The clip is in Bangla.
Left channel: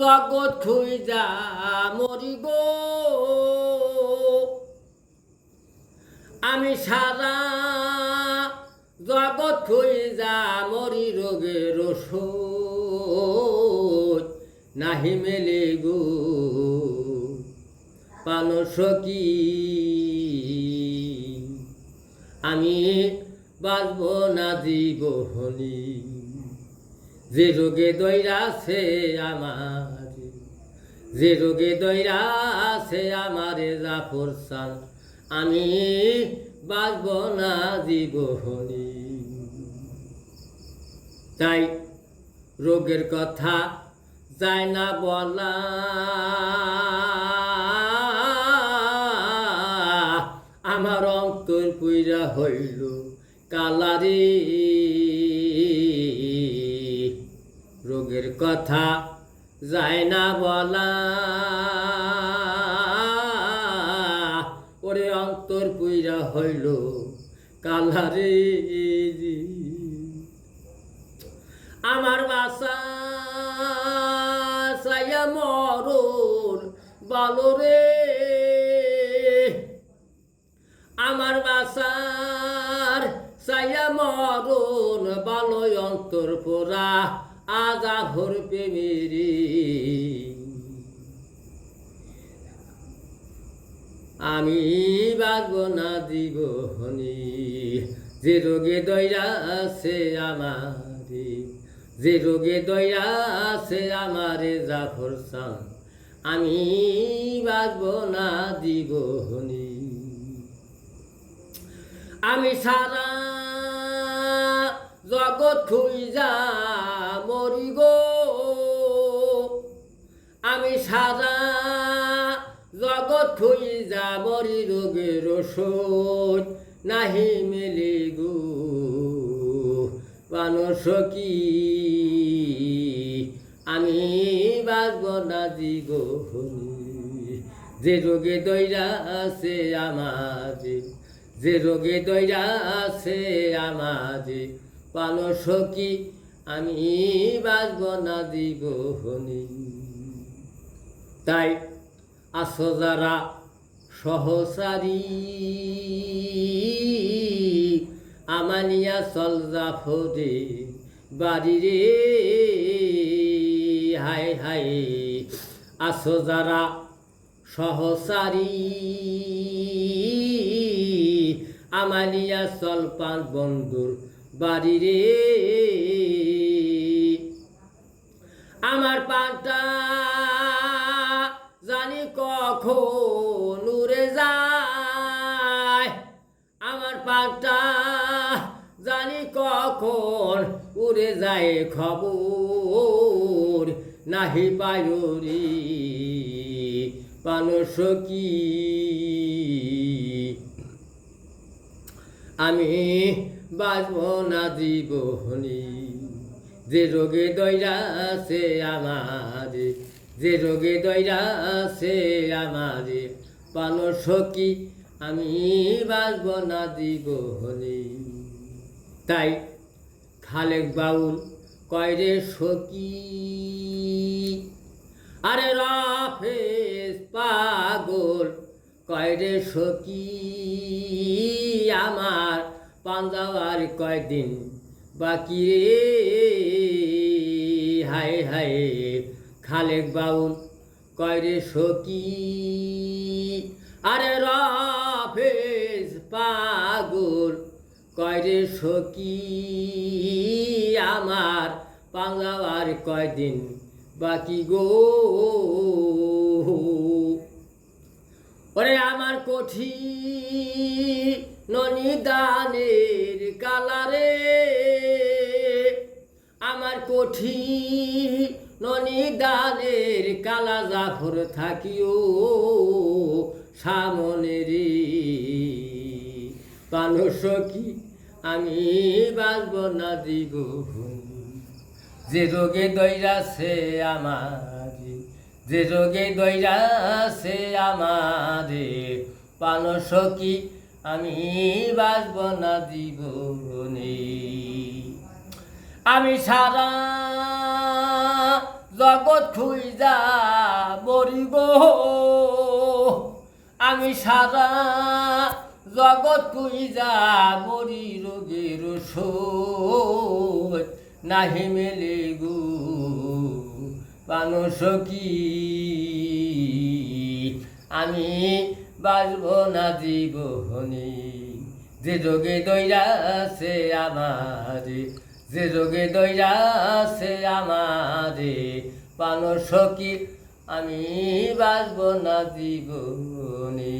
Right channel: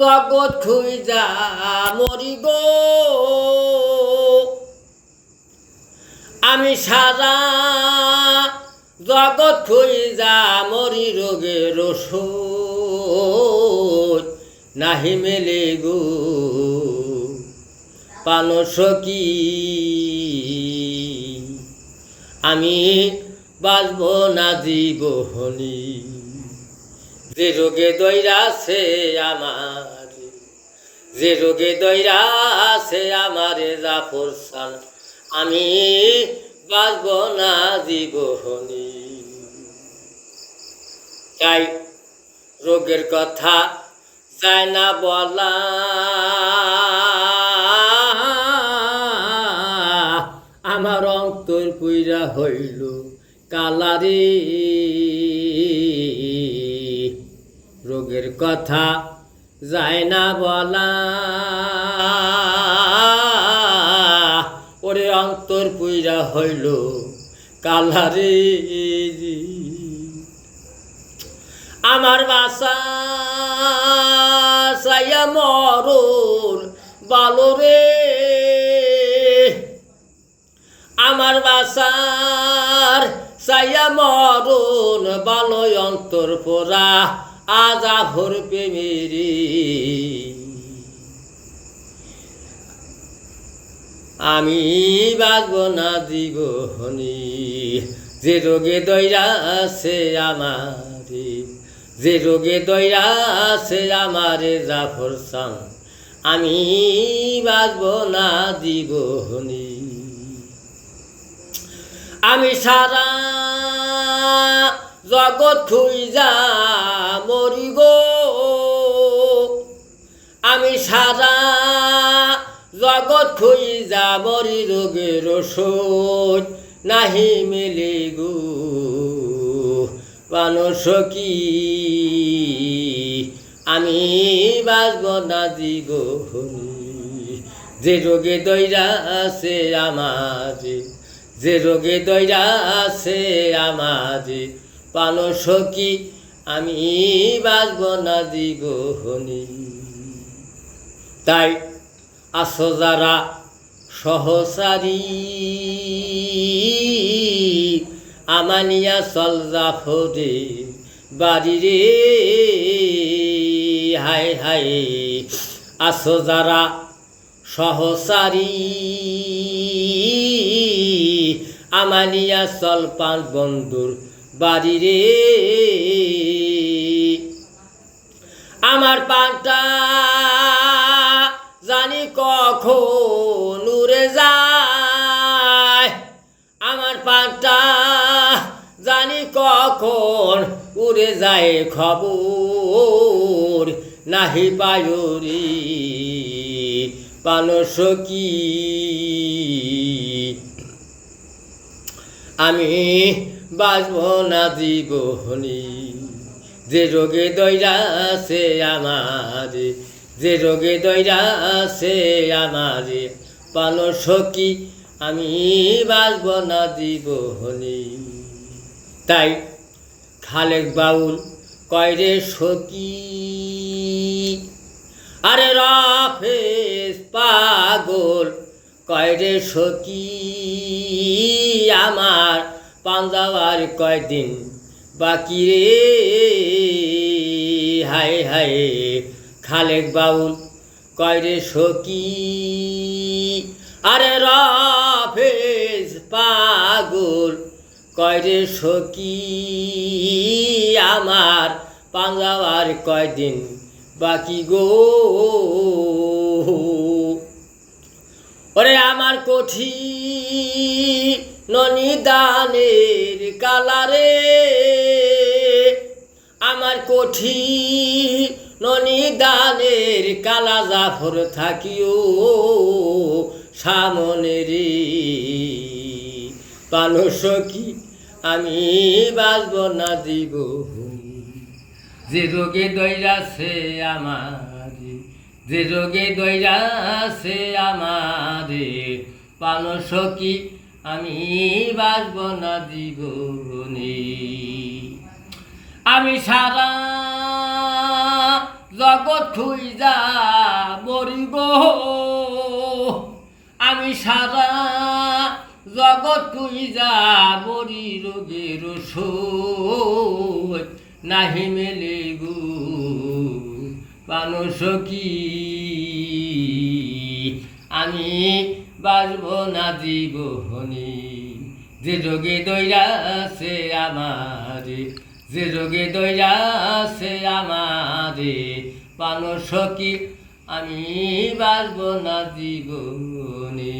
জগৎ খুঁজা মরি গো, আমি সারা জগৎ খুঁজা মরি, রোগের ওষুধ নাহি মেলে গো পানসকি। আমি বাঁচব না জীবনী, যে রোগে দৈরাছে আমার, যে রোগে দৈরাছে আমারে জাফর সান, আমি বাঁচব না জীবনী। তাই রোগের কথা যায় না বলা, আমার অন্তর পুইরা হইল কালারে। রোগের কথা যায় না বলা, ওরে অন্তর পুইরা হইল কালারে। আমার বাসা সাইয়া মরুর বালো রে, আমার বাসার সাইয়া মরুন বালো, অন্তর পোড়া আজা ভোর প্রেমেরি। আমি বাঁচব না জীবনী, যে রোগে দৈরাছে আমারে, যে রোগে দৈরাছে আমারে জাফর সান, আমি বাঁচব না জীবনী। আমি সারা জগৎ খুঁজা মরি গো, আমি সারা জগৎ খুঁজা মরি, রোগের ওষুধ নাহি মেলে গো পানসকি। আমি বাঁচব না জীবনী, যে রোগে দৈরাছে আমারে, যে রোগে দৈরাছে আমারে পানসকি। আমি বাঁচব না জীবনী। তাই আছো যারা সহসারী, আমানিয়া চল জাফরে বাড়ি রে। হায় হায় আছো যারা সহসারী, আমানিয়া চল পাঁচ বন্ধুর বাড়ি রে। আমার পাটা জানি কখন উড়ে যায়, আমার পাটা জানি কখন উড়ে যায়, খবর নাহি পায়রি পানসকি। আমি বাঁচব না জীবনী, যে রোগে দৈরাছে আমারে, যে রোগে দৈরাছে আমারে পানসকি। আমি বাঁচব না জীবনী। তাই খালেক বাউল কয়রে সকি, আরে রাফেজ পাগল কয়রে সকি, আমার পাঞ্জাবার কয়দিন বাকি রে। হায় হায় খালেক বাউল কয়রে সকি, আরে রাফেজ পাগল কয়রে সকি, আমার পাঞ্জাবার কয়দিন বাকি গো। ওরে আমার কঠি ননিদানের কালারে, আমার কঠি ননিদানের কালা, জাফর থাকিও সামনে রে পানসকি। আমি বাঁচব না জীবনী, যে রোগে দৈরাছে আমারে, যে রোগে দৈরাছে আমারে পানসকি। আমি বাঁচব না জীবনী। আমি সারা জগৎ খুইজা মরিব আমি সারা জগৎ খুইজা মরি রোগের ওষুধ নাহি মেলে গো মানুষ কি আমি বাঁচব না জীবনে যে রোগে দইরাছে আমারে যে রোগে দইরাছে আমারে মানুষ কি আমি বাঁচব না জীবনে।